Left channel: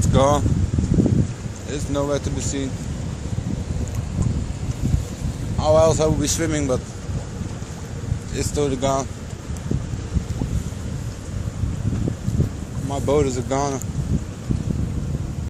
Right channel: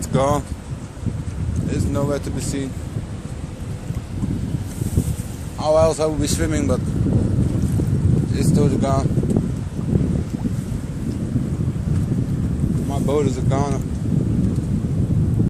It's gone. It's nowhere to be seen. How else I would be swimming, but it's totally gone. My boat is gone.